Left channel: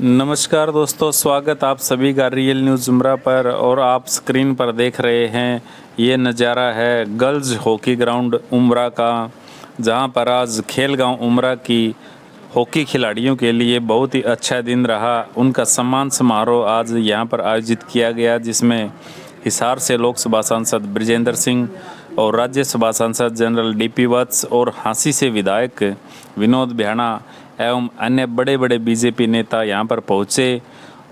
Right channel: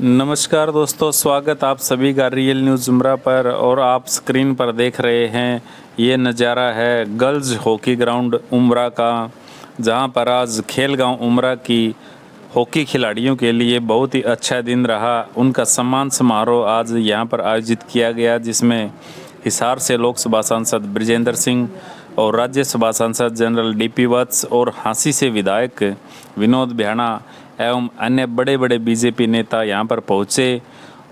नमस्कार दोस्तों, स्वागत आप सभी का रियल न्यूज़ जुमरा पर। और आप स्क्रीन पर देख रहे हैं ये नज़ारा है गर्ल्स हॉकी ग्राउंड उमरा का, जहां पर आज खेलगांव उमरा की हॉकी खिलाड़ियों के लिए बहुत ही अच्छा दिन रहा। उनका सम्मान समारोह आज यहां पर आयोजित किया गया, जिसमें हिसार से लोकसभा सांसद ब्रिजेंद्र सिंह और राज्यसभा सांसद जनरल डीपी वत्स और हांसी से विधायक विनोद भ्याणा एवं अन्य बड़े बड़े बीजेपी नेता यहां पर पहुंचे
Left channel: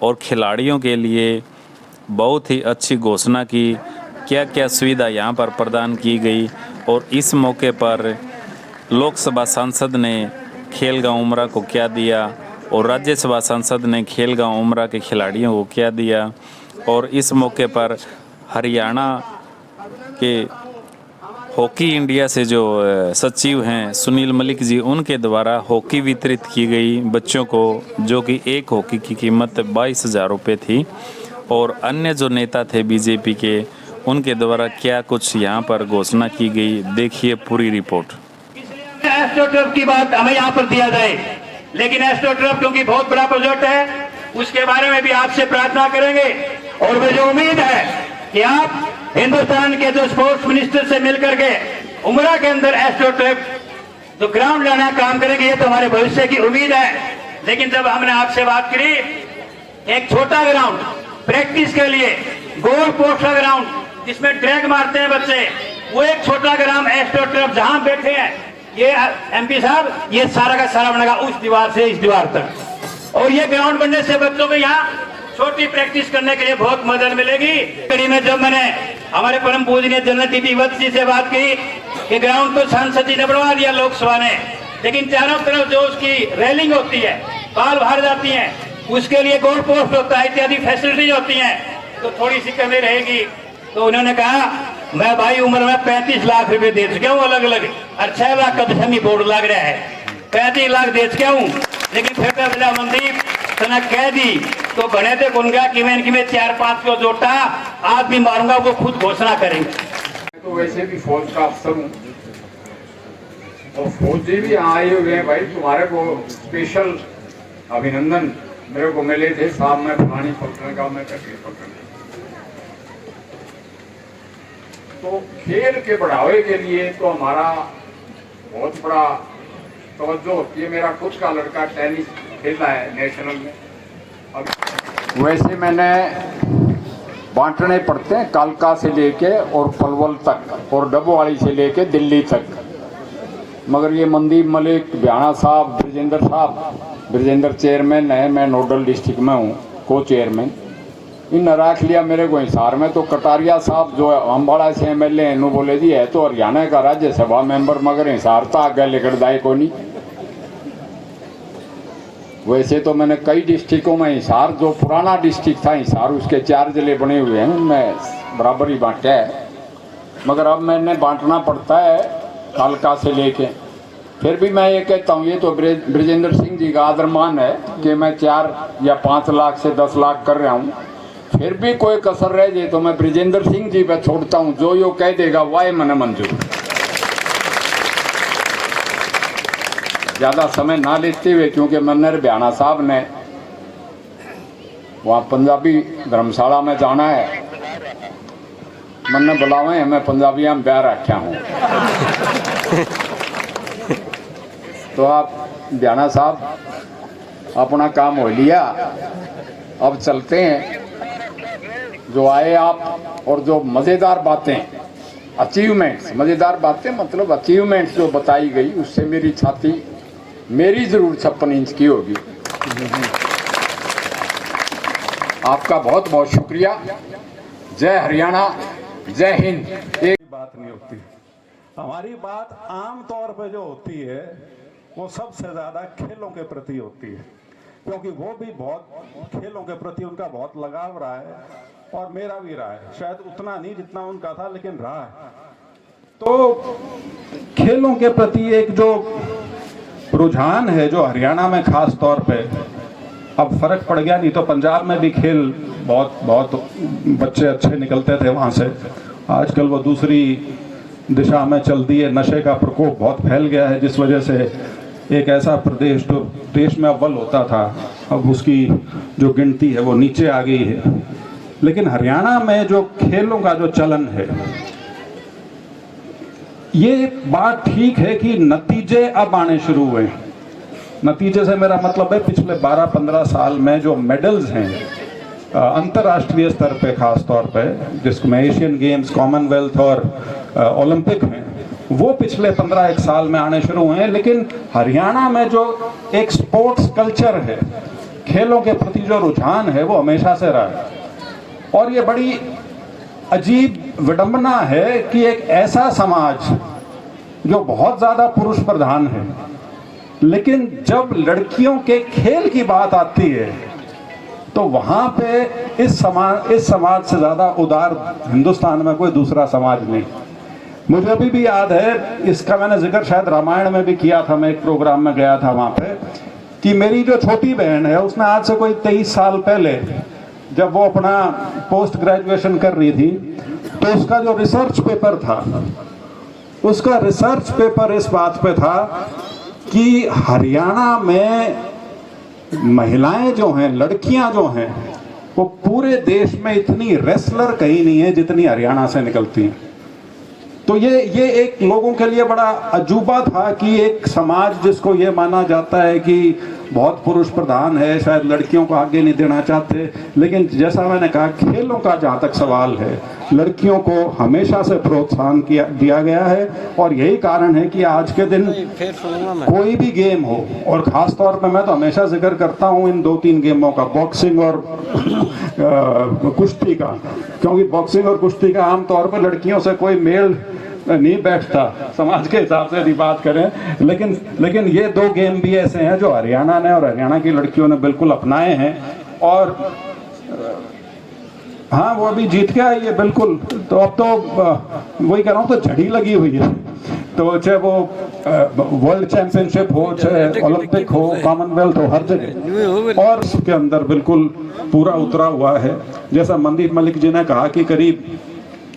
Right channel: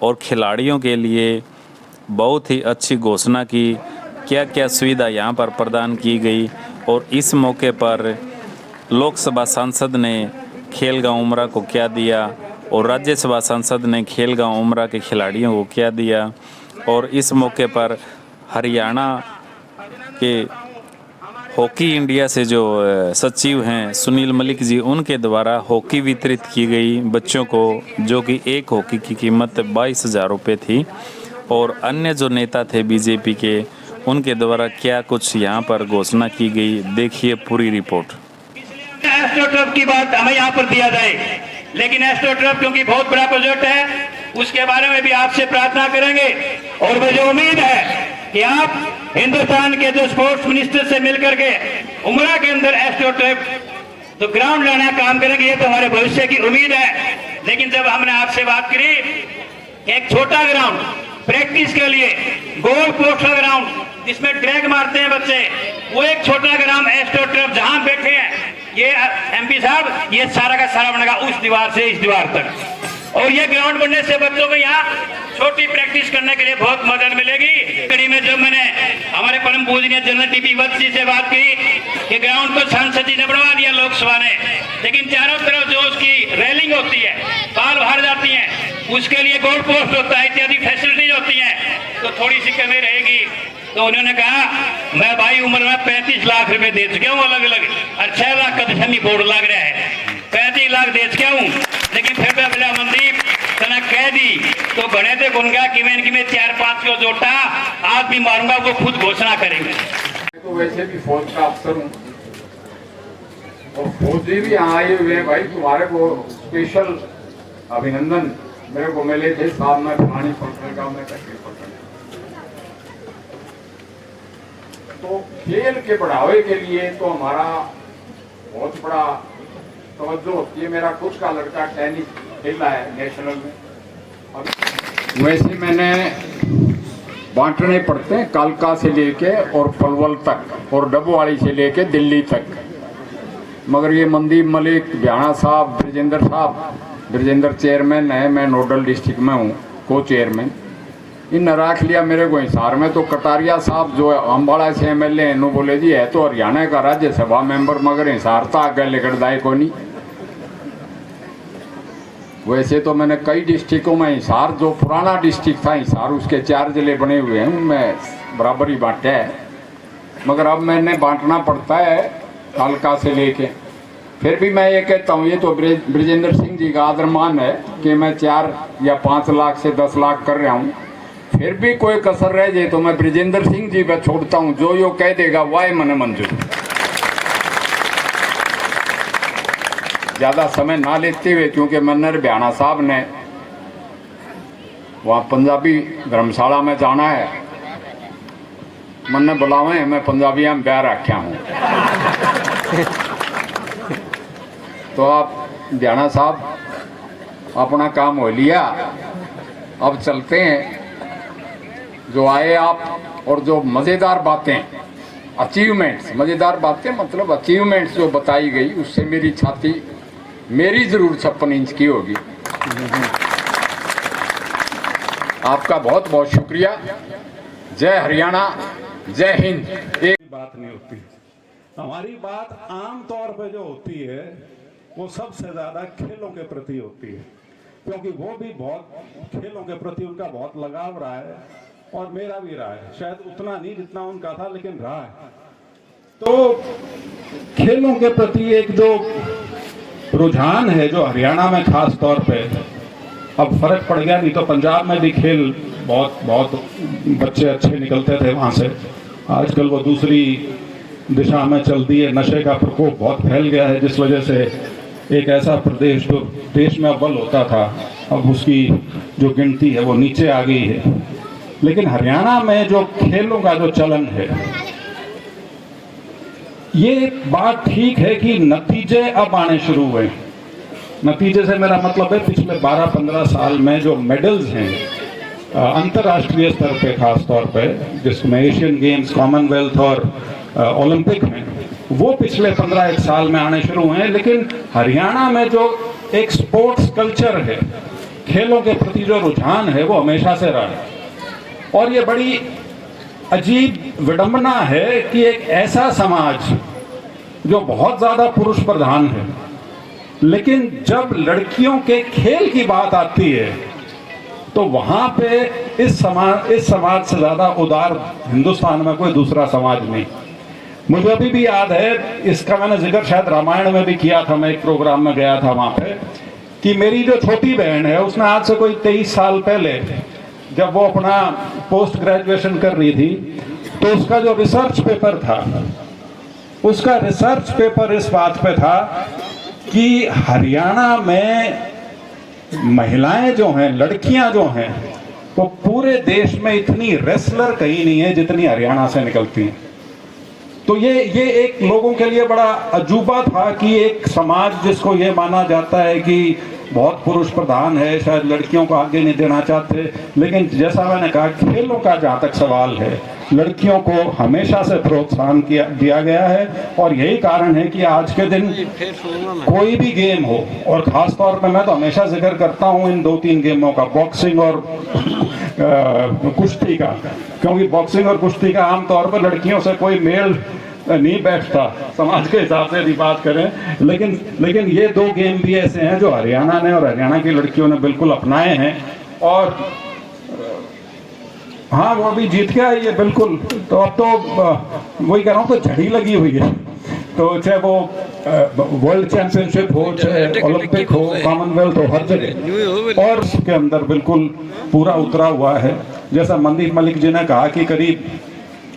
और खिलाड़ियों के लिए बहुत ही अच्छी घोषणा की, क्या क्या सुविधा यहां पर प्रदान की गई। और इस मौके पर लोकसभा सांसद ने खेलगांव उमरा को क्या दिया और राज्यसभा सांसद ने खेलगांव उमरा के खिलाड़ियों को क्या दिया। और इस मौके पर हरियाणा के हॉकी इंडिया से जो सचिव हैं सुनील मलिक जी, उनके द्वारा हॉकी वितरित की गई बच्चों को, जो कि एक हॉकी की कीमत 22,000 रुपये थी। और अन्य जो नेता थे बीजेपी के, उनके द्वारा क्या कुछ यहाँ पर घोषणा की गई, देखिए पूरी रिपोर्ट। एस्ट्रोटर्फ की बात हमें यहाँ पर दिया जाए, लेकिन एस्ट्रोटर्फ क्योंकि बहुत बड़ा प्रोजेक्ट है, उसके बारे में भी आपसे प्रार्थना करेंगे। और मुझे उम्मीद है कि आप हिंदुस्तान के जो स्पोर्ट्स मिनिस्टर से मिलकर के उमरा के अंदर एस्ट्रोटर्फ तो ग्राउंड लाना काम करेंगे, ये तो हमारे भविष्य की उम्मीद है। लेकिन जब हमने आपसे बात करी एक छोटा ग्राउंड प्रैक्टिस के लिए, गोल पोस्ट का ग्राउंड जिसमें ड्रैग मारते हैं बच्चे, वो एक छोटा ग्राउंड एस्ट्रोटर्फ जहां बैठे हैं ये एमपी साहब, ये सारा का सारा बनेगा उस दीवार से इस दीवार तक। और ये ग्राउंड बनने से बच्चों को यहाँ छोटी प्रैक्टिस करने के लिए बहुत मदद मिलेगी। कड़ी में जब मैंने हमारे परम पूजनीय जनरल डीपी वत्स जी से बात की कि ग्राउंड तो सांसद जी ने बनवा दिया लोकसभा ने, लेकिन चारों तरफ जो उसकी रेलिंग होती है, बाल बाहर जाती है, उसके लिए गोल पोस्ट होता है, इत्यादि फैसिलिटीज होती हैं, तो थोड़ी सी कमी रहेगी। तो उन्होंने कहा मैं भाई उम्र में 35 लाख रुपए दे चुका हूँ अलग अलग, और 6 लाख का दशमी बोर्ड लग रहा है, 35 लाख दे चुका हूँ। लेकिन फिर तो बिना मंदीप तना कह दी तो बने थे गुनगा कि मैं 4-5 को जोटा आज भी मारूंगा, वो खुद घोषणा करेंगे। तो वैसे भी फौज का अफसर हूँ और फौजी भी यहाँ आए हुए हैं। भाई तुम्हारे को स्पेशल अभिनंदन मेरे को मिले थे साहब, मैं फलानी पलटन का, मैं कश्मीर पलटन। तो खेल के बढ़ावे के लिए तो हमारा बहुत बड़ा तवज्जो होती है। मेरा खुद का लड़का टेनिस खेल रहा है नेशनल में। अब वैसे मैंने बांटने पड़ते हैं कालका से लेके और पलवल तक और डबोवाली से लेके दिल्ली तक, मगर ये मनदीप मलिक, भ्याणा साहब, ब्रिजेंद्र चेयरमैन है, मैं नोडल डिस्ट्रिक्ट में हूँ, को चेयरमैन, इन रख लिया मेरे को हिसार में। तो कटारिया साहब जो अम्बाड़ा से एमएलए हैं, नो बोले जी है तो हरियाणा का राज्यसभा मेंबर, मगर हिसार था आगे लेकर दाए को नहीं। वैसे तो मैंने कई डिस्ट्रिक्टों में हिसार, जो पुराना डिस्ट्रिक्ट था हिसार, उसके 4 जिले बने हुए हैं, उनमें बराबर ही बांटा है, मगर अब मैंने बांटना पड़ता है कालका से लेके। फिर भी मैं ये कहता हूँ, ये तो ब्रिजेंद्र सिंह जी का आदरमान है कि मैं 4 या 5 लाख से 10 लाख कर रहा हूँ। फिर भी कोई कसर रह जाए तो मैं ब्रिजेंद्र सिंह जी पे छोड़ता हूँ, जो यो कह देगा वाह मन मंजूर। ज्यादा समय ना लेते हुए, क्योंकि मनर भ्याणा साहब ने वहाँ पंजाबी धर्मशाला में जाना है, मन बुलावे, मैं पंजाबिया में प्यार रखा हूँ। तो आप भ्याणा साहब अपना काम हो लिया, अब चलते हैं। जो आए आप और जो मज़ेदार बातें, अचीवमेंट्स, मज़ेदार बातें मतलब अचीवमेंट्स जो बताई गई, उससे मेरी छाती मेरी जरूर 56 इंच की होगी। आपका बहुत बहुत शुक्रिया। जय हरियाणा, जय हिंद। एक बात नहीं होती, हमारी बात आम तौर पे जो होती है वो सबसे ज्यादा खेलों के प्रति होती है, क्योंकि वो भी बहुत खेलों के प्रति उनका बहुत लगाव रहा है, और मेरा भी रहा है, शायद उतना नहीं जितना उनका था, लेकिन रहा है। तो खेलों के प्रति एक जो रुझान है, जो हरियाणा में खास तौर पे अब फर्क पड़ गया, नहीं तो पंजाब में भी खेल बहुत बच्चे अच्छे निकलते थे वहाँ से, आजकल वो दूसरी दिशा में चल दी है। नशे का प्रकोप बहुत फैल गया है, जिस वजह से एक ऐसा प्रदेश जो देश में अव्वल होता था अब उसकी जो गिनती है वो नीचे आ गई है। लेकिन हरियाणा में जो खेलों का जो चलन है, ये बात ठीक है कि नतीजे अब आने शुरू हुए। नतीजे से मेरा मतलब है पिछले 12-15 साल में जो मेडल्स हैं अंतर्राष्ट्रीय स्तर पे, खास तौर पे जिसमें एशियन गेम्स, कॉमनवेल्थ और ओलंपिक हैं, वो पिछले 15-1 साल में आने शुरू हुए हैं। लेकिन हरियाणा में जो एक स्पोर्ट्स कल्चर है, खेलों के प्रति जो रुझान है, वो हमेशा से रहा है। और ये बड़ी अजीब विडंबना है कि एक ऐसा समाज जो बहुत ज़्यादा पुरुष प्रधान है, लेकिन जब लड़कियों के खेल की बात आती है तो वहाँ पे इस समाज से ज़्यादा उदार हिंदुस्तान में कोई दूसरा समाज नहीं। मुझे अभी भी याद है, इसका मैंने जिक्र शायद रामायण में भी किया था, मैं एक प्रोग्राम में गया था वहाँ पे, कि मेरी जो छोटी बहन है उसने आज से कोई 23 साल पहले जब वो अपना पोस्ट ग्रेजुएशन कर रही थी, तो उसका जो रिसर्च पेपर था, उसका रिसर्च पेपर इस बात पे था कि हरियाणा में महिलाएं जो हैं, लड़कियां जो हैं, वो पूरे देश में इतनी रेसलर कहीं नहीं है जितनी हरियाणा से निकलती हैं। तो ये एक लोगों के लिए बड़ा अजूबा था कि एक समाज जिसको ये माना जाता है कि बहुत पुरुष प्रधान है, शायद लड़कियों को आगे नहीं देना चाहते, लेकिन जैसा मैंने कहा, खेलों का जहाँ तक सवाल है, लड़कियों को हमेशा से प्रोत्साहन दिया गया है। और यही कारण है कि आज के दिन कोई भी गेम हो, और ख़ास तौर पे मैं तो हमेशा जिक्र करता हूँ इन 2-3 गेमों का, बॉक्सिंग और कुश्ती का, क्योंकि बॉक्सिंग और कुश्ती का आमतौर पर लड़कियों से कोई मेल नहीं बैठता समाज के हिसाब से यदि बात करें। लेकिन ये 2 गेम भी ऐसे हैं जो हरियाणा ने और हरियाणा की लड़कियों ने बिल्कुल अपनाए हैं। और हाँ, वो अभी जीत गया है ये बिल्कुल। तो अब तो वही कह रहा हूँ, तो झड़ी लगी हुई है। तो चाहे वो वर्ल्ड चैंपियनशिप हो, चाहे ओलंपिक हो, कॉमनवेल्थ हो, हर जगह और उसके अंदर बिल्कुल पूरा उतरा हुआ है। जैसा मनदीप मलिक जी ने कहा कि करीब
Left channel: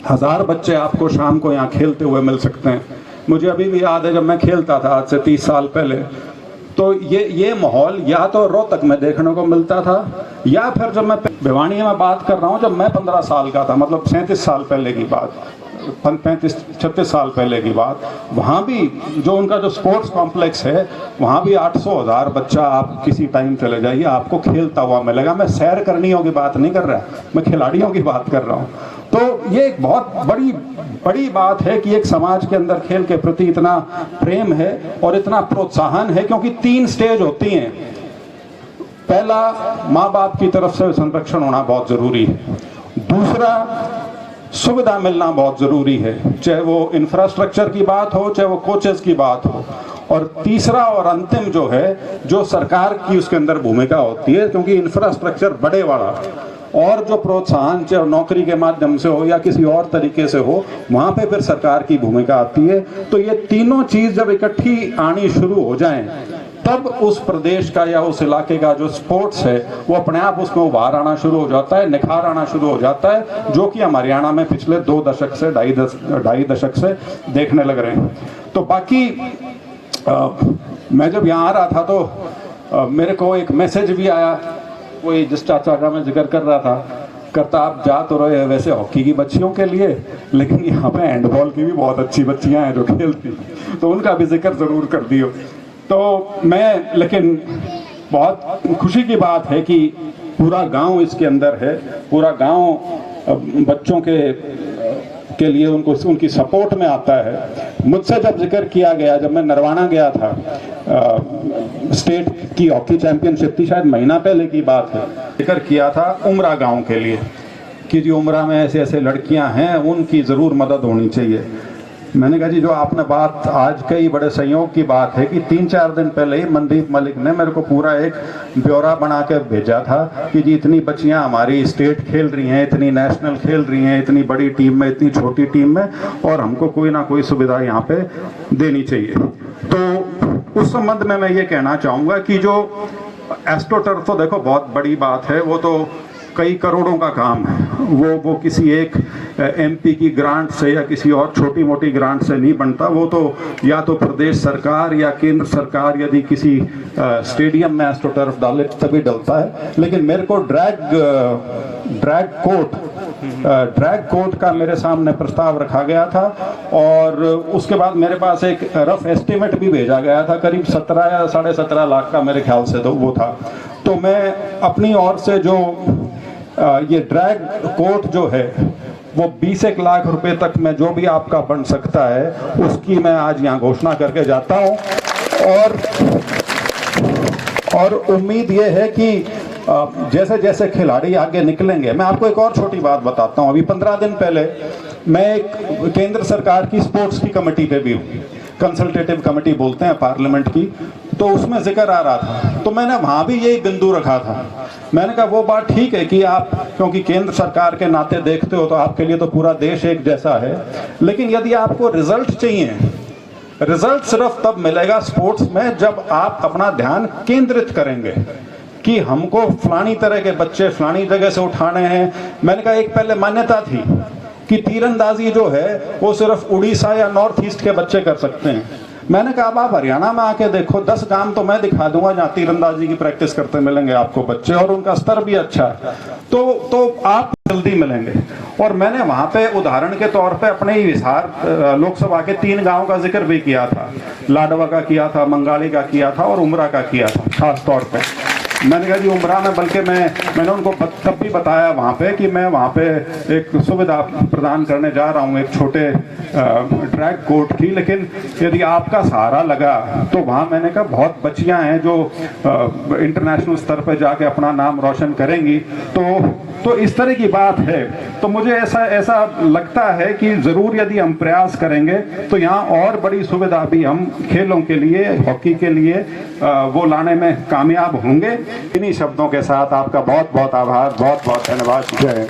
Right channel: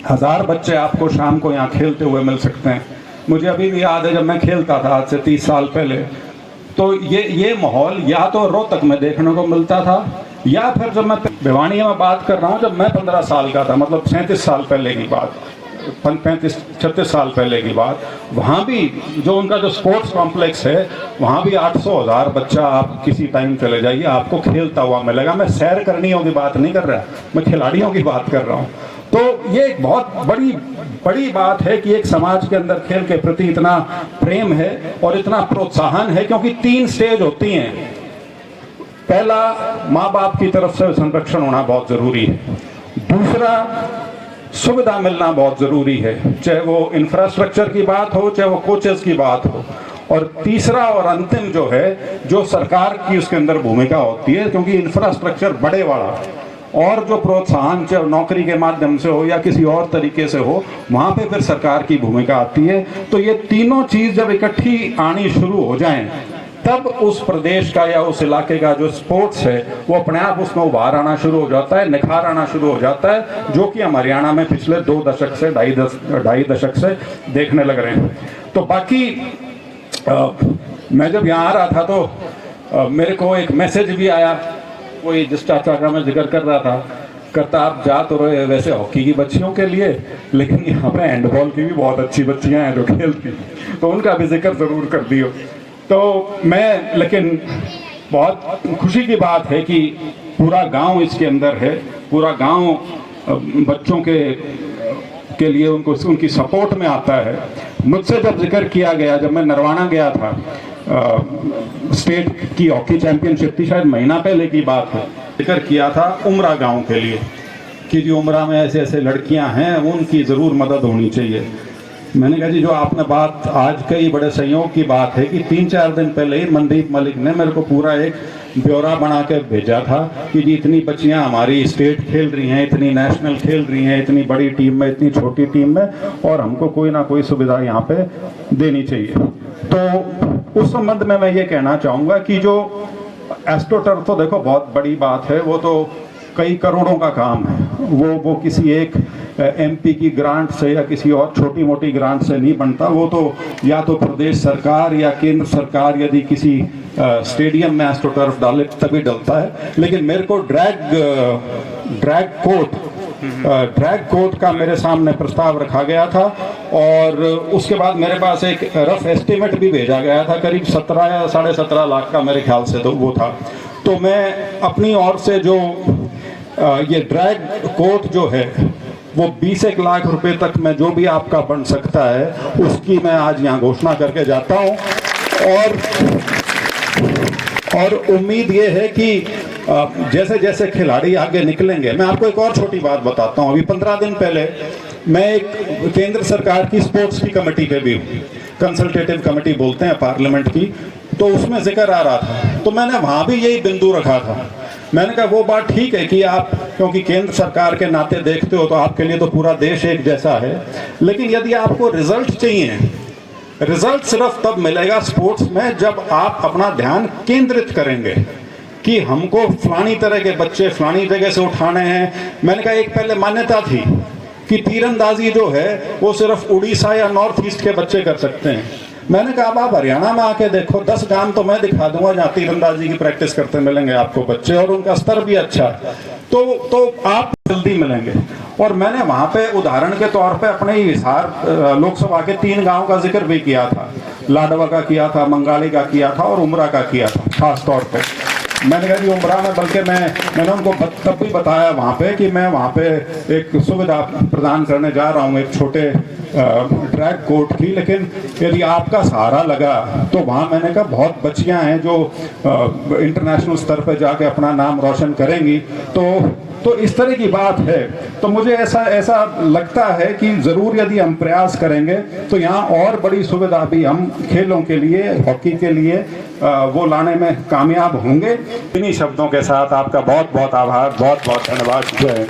1000 बच्चे आपको शाम को यहाँ खेलते हुए मिल सकते हैं। मुझे अभी भी याद है जब मैं खेलता था आज से 30 साल पहले, तो ये माहौल या तो रोहतक में देखने को मिलता था, या फिर जब मैं भिवानी में बात कर रहा हूँ, जब मैं 15 साल का था, मतलब 37 साल पहले की बात, 35-36 साल पहले की बात, वहाँ भी जो उनका जो स्पोर्ट्स कॉम्प्लेक्स है, वहाँ भी 800-1000 बच्चा आप किसी टाइम चले जाइए, आपको खेलता हुआ मिलेगा। मैं सैर करनियों की बात नहीं कर रहा, मैं खिलाड़ियों की बात कर रहा हूँ। तो ये एक बहुत बड़ी बात है कि एक समाज के अंदर खेल के प्रति इतना प्रेम है और इतना प्रोत्साहन है, क्योंकि 3 स्टेज होती हैं। पहला, माँ बाप की तरफ से संरक्षण होना बहुत जरूरी है। दूसरा, सुविधा मिलना बहुत जरूरी है, चाहे वो इंफ्रास्ट्रक्चर की बात हो, चाहे वो कोचेस की बात हो। और तीसरा और अंतिम जो है, जो सरकार की उसके अंदर भूमिका होती है, क्योंकि इंफ्रास्ट्रक्चर बड़े वाला और जो प्रोत्साहन चाहे नौकरी के माध्यम से हो या किसी और तरीके से हो, वहाँ पे फिर सरकार की भूमिका आती है। तो ये तीनों चीज़ जब इकट्ठी आनी शुरू हो जाएं, तब उस प्रदेश का या उस इलाके का जो स्पोर्ट्स है वो अपने आप उसमें उभार आना शुरू हो जाता है, निखार आना शुरू हो जाता है, जो कि हम हरियाणा में पिछले 2 दशक से, ढाई दशक से देखने लग रहे हैं। तो बाकी मैं जब यहाँ आ रहा था तो मेरे को एक मैसेज भी आया, वही जिस चाचा का मैं जिक्र कर रहा था, करता आप जा तो रहे वैसे हॉकी की बच्चियों के लिए, लेकिन यहाँ पे हैंडबॉल की भी बहुत अच्छी बच्चियाँ हैं जो खेलती, तो उनका भी जिक्र ज़रूर कर दियो। तो मैं, लेकिन बहुत खुशी की बात है कि पूरा गांव इसके अंदर है, पूरा गांव बच्चों के लिए उनकी सपोर्ट में आता है। मुझसे जब जिक्र किया गया, जब मैं नरवाना गया था, स्टेट की हॉकी चैंपियनशिप थी, शायद महीना पहले की बात है, जिक्र किया था उमरा गांव के लिए कि जो उमरा में ऐसे ऐसे लड़कियां हैं, उनकी ज़रूर मदद होनी चाहिए। मैंने कहा जी, जो आपने बात आज कई बड़े संयोग की बात है कि 3-4 दिन पहले ही मनदीप मलिक ने मेरे को पूरा एक ब्यौरा बना के भेजा था कि जी इतनी बच्चियां हमारी स्टेट खेल रही हैं, इतनी नेशनल खेल रही हैं, इतनी बड़ी टीम में, इतनी छोटी टीम में, और हमको कोई ना कोई सुविधा यहाँ पे देनी चाहिए। तो उस संबंध में मैं ये कहना चाहूँगा कि जो एस्ट्रोटर्फ, तो देखो बहुत बड़ी बात है, वो तो कई करोड़ों का काम है, वो किसी एक एमपी की ग्रांट से या किसी और छोटी मोटी ग्रांट से नहीं बनता। वो तो या तो प्रदेश सरकार या केंद्र सरकार यदि किसी स्टेडियम में एस्ट्रोटर्फ डाले तभी डलता है। लेकिन मेरे को ड्रैग कोर्ट का मेरे सामने प्रस्ताव रखा गया था और उसके बाद मेरे पास एक रफ एस्टिमेट भी भेजा गया था, करीब 17 या 17.5 लाख का मेरे ख्याल से तो वो था। तो मैं अपनी ओर से जो ये ड्रैग कोर्ट जो है वो 20 लाख रुपए तक में जो भी आपका बन सकता है उसकी मैं आज यहाँ घोषणा करके जाता हूँ। और उम्मीद ये है कि जैसे जैसे खिलाड़ी आगे निकलेंगे, मैं आपको एक और छोटी बात बताता हूँ। अभी 15 दिन पहले मैं एक केंद्र सरकार की स्पोर्ट्स की कमेटी पे भी हूँ, कंसल्टेटिव कमेटी बोलते हैं पार्लियामेंट की, तो उसमें जिक्र आ रहा था। तो मैंने वहाँ भी यही बिंदु रखा था। मैंने कहा वो बात ठीक है कि आप क्योंकि केंद्र सरकार के नाते देखते हो तो आपके लिए तो पूरा देश एक जैसा है, लेकिन यदि आपको रिजल्ट चाहिए, रिजल्ट सिर्फ तब मिलेगा स्पोर्ट्स में जब आप अपना ध्यान केंद्रित करेंगे कि हमको फलानी तरह के बच्चे फलानी जगह से उठाने हैं। मैंने कहा एक पहले मान्यता थी कि तीरंदाजी जो है वो सिर्फ उड़ीसा या नॉर्थ ईस्ट के बच्चे कर सकते हैं। मैंने कहा अब आप हरियाणा में आके देखो, 10 गांव तो मैं दिखा दूंगा जहाँ तीरंदाजी की प्रैक्टिस करते मिलेंगे आपको बच्चे, और उनका स्तर भी अच्छा है, तो आप जल्दी मिलेंगे। और मैंने वहाँ पे उदाहरण के तौर पे अपने ही हिसार लोकसभा के 3 गांव का जिक्र भी किया था। लाडवा का किया था, मंगाली का किया था और उमरा का किया था खास तौर पे। मैंने कहा जी उमरा में, बल्कि मैंने उनको तब भी बताया वहाँ पे कि मैं वहाँ पे एक सुविधा प्रदान करने जा रहा हूँ, एक छोटे ड्रैग कोर्ट की, लेकिन यदि आपका सहारा लगा तो वहाँ मैंने कहा बहुत बच्चियाँ हैं जो इंटरनेशनल स्तर पे जाके अपना नाम रोशन करेंगी। तो इस तरह की बात है। तो मुझे ऐसा लगता है कि ज़रूर यदि हम प्रयास करेंगे तो यहाँ और बड़ी सुविधा भी हम खेलों के लिए, हॉकी के लिए वो लाने में कामयाब होंगे। इन्हीं शब्दों के साथ आपका बहुत बहुत आभार, बहुत बहुत धन्यवाद। जय हिंद।